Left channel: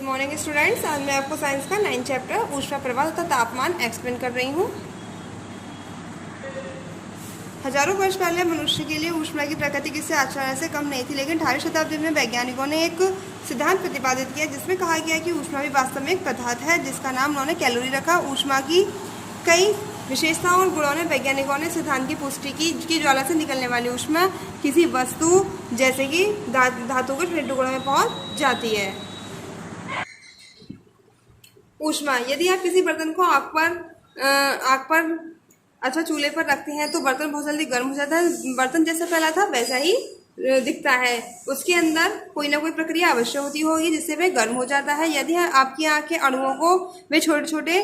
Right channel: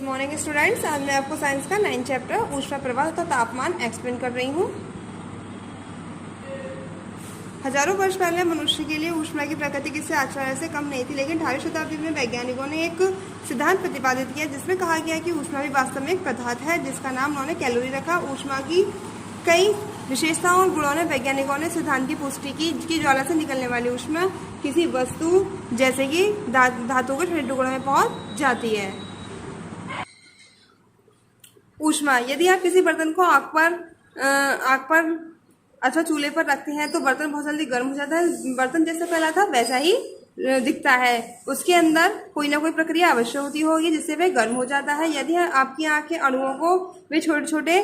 Good morning students. आज मैं आपको साइंस का 9 चैप्टर ऊष्मा प्रवाह तथा तापमान एक्सप्लेन कर रही हूँ। हजारों वर्ष पहले मनुष्य के लिए ऊष्मा की प्रकृति किसी आश्चर्य से कम नहीं थी, लेकिन 18वीं शताब्दी में वैज्ञानिकों ने एक सिद्धांत प्रतिपादित किया जिसमें कहा गया कि ऊष्मा भी वास्तव में एक पदार्थ है, जिसका नाम उन्होंने कैलोरी रखा। ऊष्मा की कई विशेषताओं और गुणों ने वैज्ञानिकों ने सिद्धांत की पुष्टि की कि ज्वाला से निकलने वाली ऊष्मा किसी वस्तु जैसे कि धातु के ठंडे टुकड़ों में पहुंच जाती है। ऊष्मा, यदि आप किसी बर्तन को आग पर अच्छा चूल्हे पर रखते हैं तो बर्तन बहुत जल्दी गर्म हो जाता है। बर्तन जैसा फैला था वैसा ही दिखता है। उसके अंदर कोई ना कोई प्रक्रिया अवश्य होती होगी जिससे वह गर्म हो जाता है। यदि आपकी आँख के अणुओं को वे छोटे छोटे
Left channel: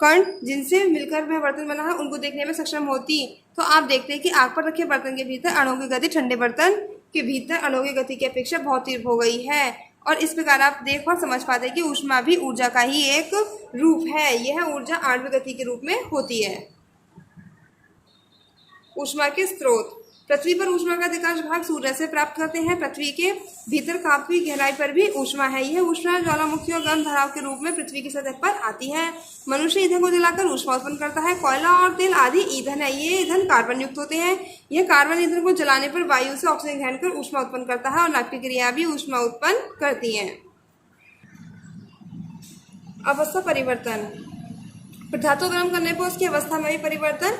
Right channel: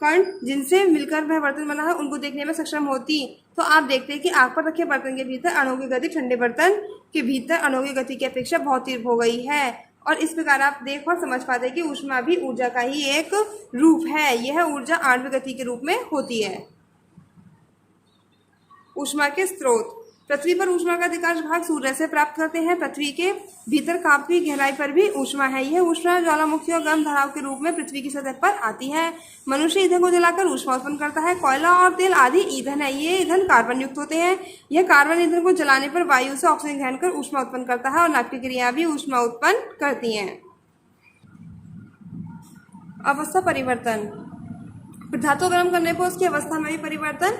कण जिनसे मिलकर वह बर्तन बना है उनको देखने में सक्षम होती तो आप देखते हैं कि आग पर रखे बर्तन के भीतर अणुओं की गति ठंडे बर्तन के भीतर अणुओं की गति की अपेक्षा बहुत तीव्र हो गई है। और इस प्रकार आप देख और समझ पाते हैं कि ऊष्मा भी ऊर्जा का ही एक रूप है। यह ऊर्जा आणविक गति के रूप में होती है। ऊष्मा के स्रोत, पृथ्वी पर ऊष्मा का अधिकांश भाग सूर्य से प्राप्त करते हैं। पृथ्वी के भीतर काफी गहराई पर भी ऊष्मा है। यह ऊष्मा ज्वालामुखी और गर्म धाराओं के रूप में पृथ्वी की सतह पर आती है। मनुष्य ईंधन को जलाकर ऊष्मा उत्पन्न करता है। कोयला और तेल आदि ईंधन है। ये ईंधन कार्बन युक्त होते हैं। यह कार्बन ईंधन को जलाने पर वायु से ऑक्सीजन ग्रहण कर ऊष्मा उत्पन्न करता है और नाभिकीय क्रिया भी ऊष्मा उत्पन्न करती है। अवस्था परिवर्तन, पदार्थों को गर्म करने पर उसकी अवस्था में भी परिवर्तन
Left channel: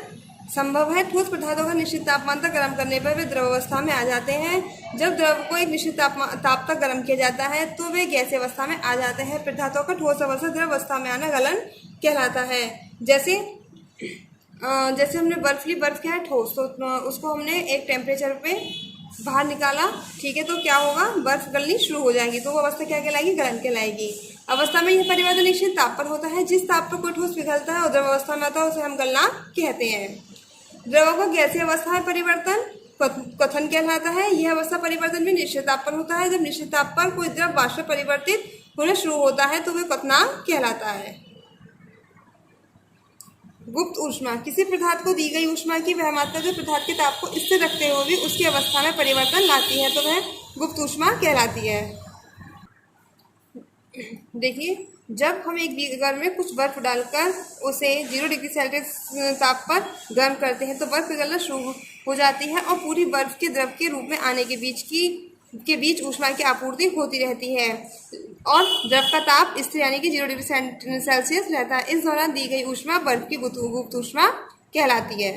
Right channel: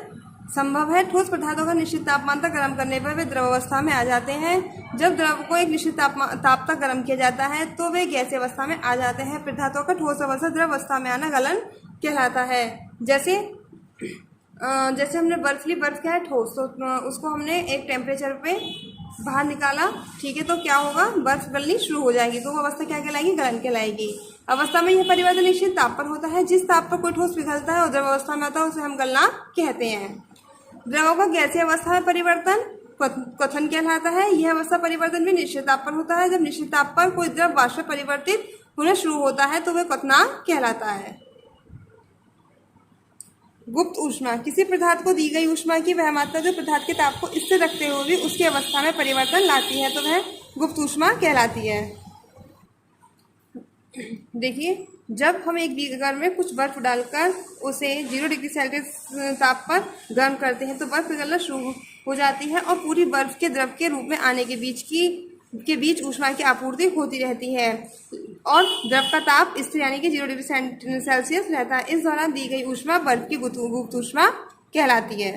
संभव है। ठोस पदार्थों को निश्चित तापमान तक गर्म करने पर वे द्रव अवस्था में आ जाते हैं। जब द्रव को एक निश्चित ताप तक गर्म किया जाता है तो वे गैसीय अवस्था में आ जाते हैं। पदार्थों का ठोस अवस्था द्रव अवस्था में आना गलन कहलाता है। जैसे हमने बर्फ ली, बर्फ क्या है? ठोस। तो उसको हमने एक टेम्परेचर पे बाहर निकाला, ठीक है, तो क्या होगा? बर्फ गलनी शुरू हो जाएगी, तो वो अवस्था क्या कहलाएगी? गलन कहलाएगी। अवस्था में यह परिवर्तन निश्चित ताप पर होता है। जिस ताप पर कोई ठोस पिघलता है और द्रव अवस्था में आता है उसे हम गलना कहते हैं। द्रवों को गैसीय अवस्था में परिवर्तन क्वथन कहलाता है। यह अवस्था परिवर्तन भी निश्चित ताप पर होता है। जब निश्चित ताप पर कोई द्रव वाष्प में परिवर्तित होना शुरू होता है तो वह क्वथनांक कहलाता है। गुप्त ऊष्मा, किसी पदार्थ को दी गई ऊष्मा की वह मात्रा जो पदार्थ के ताप को स्थिर रखते हुए उसकी अवस्था में परिवर्तन लाती है तो वह गुप्त ऊष्मा कहलाती है। देखिए, जब हम एक बीकर में कुछ बर्फ डालकर उसे 0 डिग्री सेल्सियस ताप पर गर्म करते हैं तो बर्फ पिघलना शुरू हो जाती है और पूरी बर्फ के द्रव के रूप में आने के बीच ऊष्मा की आपूर्ति होती रहती है और द्रव का ताप स्थिर यानी कि 0 डिग्री सेल्सियस रहता है। इस दौरान दी गई ऊष्मा बर्फ की गुप्त ऊष्मा कहलाती है।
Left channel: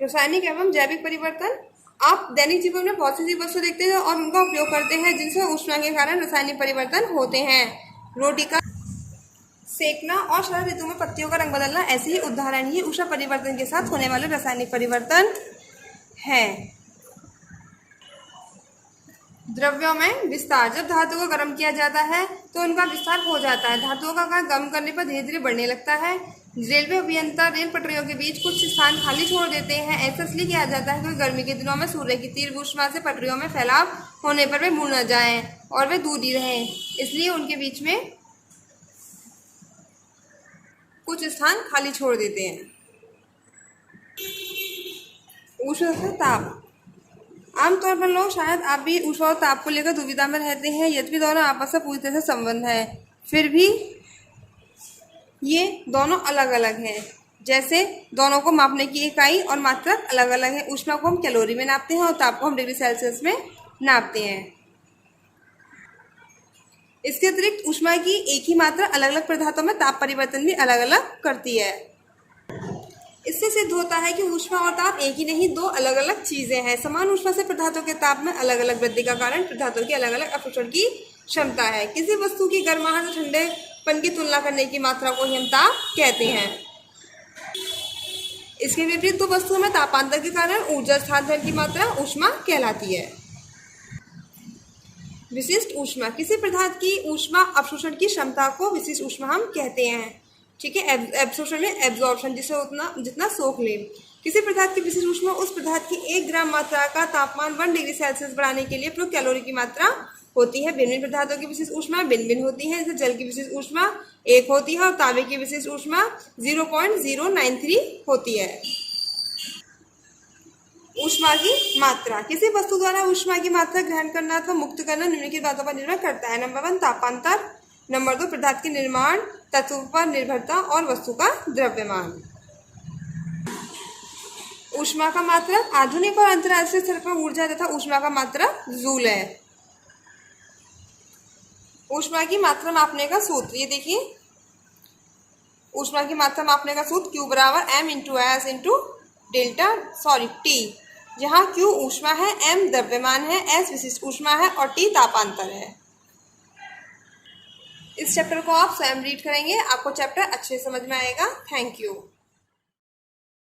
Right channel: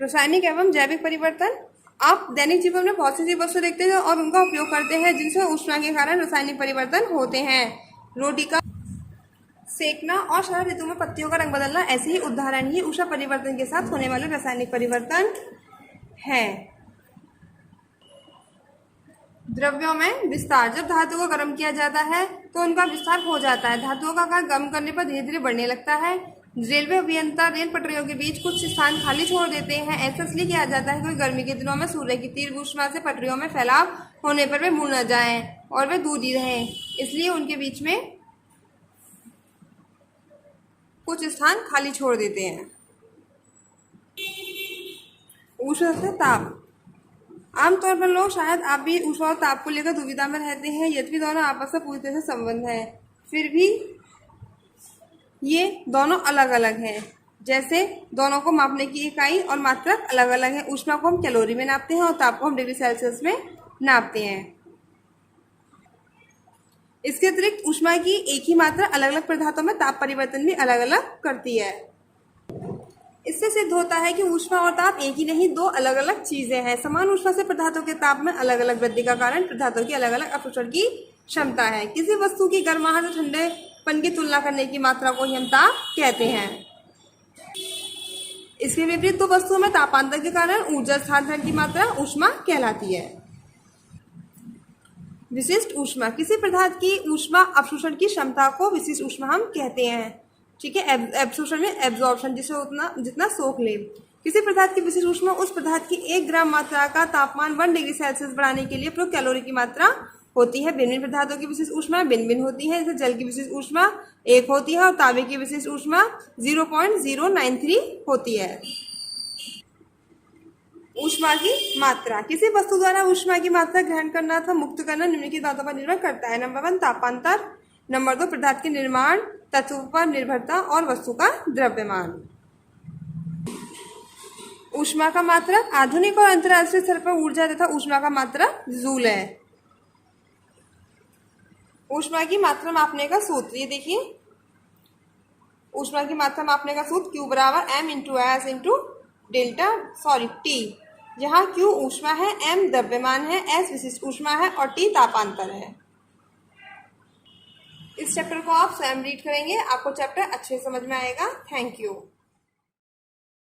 रासायनिक एवं जैविक परिवर्तन, आप दैनिक जीवन में बहुत सी वस्तु देखते हैं और उनका उपयोग करते हैं जिनसे ऊष्मा के कारण रासायनिक परिवर्तन होते हैं। रोटी का सेकना और शरद ऋतु में पत्तियों का रंग बदलना ऐसे ही उदाहरण ही ऊष्मा परिवर्तन के साथ होने वाले रासायनिक परिवर्तन है। द्रव्यों में विस्तार, जब धातु को गर्म किया जाता है तो उनका विस्तार हो जाता है। धातुओं का आकार गर्म करने पर धीरे धीरे बढ़ने लगता है। रेलवे अभियंता रेल पटरियों के बीच कुछ स्थान खाली छोड़ देते हैं। ऐसा इसलिए किया जाता है क्योंकि गर्मी के दिनों में सूर्य की तीव्र ऊष्मा से पटरियों में फैलाव होने पर वे मुड़ न जाएं और वे दूर ही रहें, इसलिए उनके बीच में कुछ स्थान खाली छोड़ देते हैं। ऊष्मा से ताप, आमतौर पर लोग, शायद आप भी ऊष्मा और ताप को लेकर दुविधा में रहते हैं। यद्यपि दोनों आपस में पूरी तरह से संबंध है, फिर भी ये दोनों अलग अलग हैं। जैसे दोनों को मापने की इकाई और मात्रक अलग अलग है। ऊष्मा को हम कैलोरी में नापते हैं और ताप को हम डिग्री सेल्सियस में नापते हैं। इसके अतिरिक्त ऊष्मा की एक ही मात्रा अलग अलग पदार्थों में ताप परिवर्तन भी अलग अलग करती है। इससे सिद्ध होता है कि ऊष्मा और ताप एक ही नहीं, दो अलग अलग चीजें हैं। समान ऊष्मा से पदार्थों के ताप में अलग अलग वृद्धि का कारण पदार्थों की अलग अलग अवशोषण की क्षमता है। किसी वस्तु की गर्माहट और ठंडेपन की तुलना करने की मात्रा को ही हम ताप कहते हैं। इसके विपरीत दो वस्तुओं में तापांतर के कारण ऊर्जा स्थानांतरण की मात्रा ऊष्मा कहलाती है। विशिष्ट ऊष्मा, किसी पदार्थ की ऊष्मा अवशोषण की क्षमता को विशिष्ट ऊष्मा हम कहते हैं। ठीक है, एब्जॉर्प्शन में एब्जॉर्प्शन, जिसे जितना सोख ले। किसी पदार्थ की विशिष्ट ऊष्मा उस पदार्थ की 1 ग्राम मात्रा का तापमान 1 डिग्री सेल्सियस बढ़ाने के लिए प्रयुक्त कैलोरी की मात्रा होती है। भिन्न भिन्न पदार्थों की विशिष्ट ऊष्मा भिन्न भिन्न होती है। जैसे जल की विशिष्ट ऊष्मा 1 होती है और तांबे की विशिष्ट ऊष्मा 0.093 होती है। ऊष्मा की मात्रा, किसी वस्तु द्वारा ऊष्मा की मात्रा ग्रहण करना अथवा मुक्त करना निम्नलिखित बातों पर निर्भर करता है। नंबर 1 तापांतर, नंबर 2 पदार्थ की निर्माण, तत्व पर निर्भरता और वस्तु का द्रव्यमान। ऊष्मा का मात्रक, आधुनिक और अंतर्राष्ट्रीय स्तर पर ऊर्जा तथा ऊष्मा का मात्रक जूल है। ऊष्मा की मात्रा मापने का सूत्र, ये देखिए ऊष्मा की मात्रा मापने का सूत्र Q बराबर m into S into delta T, जहाँ Q ऊष्मा है, m द्रव्यमान है, S विशिष्ट ऊष्मा है और T तापांतर है। इस चैप्टर को आप स्वयं रीड करेंगे, आपको चैप्टर अच्छे समझ में आएगा। Thank you.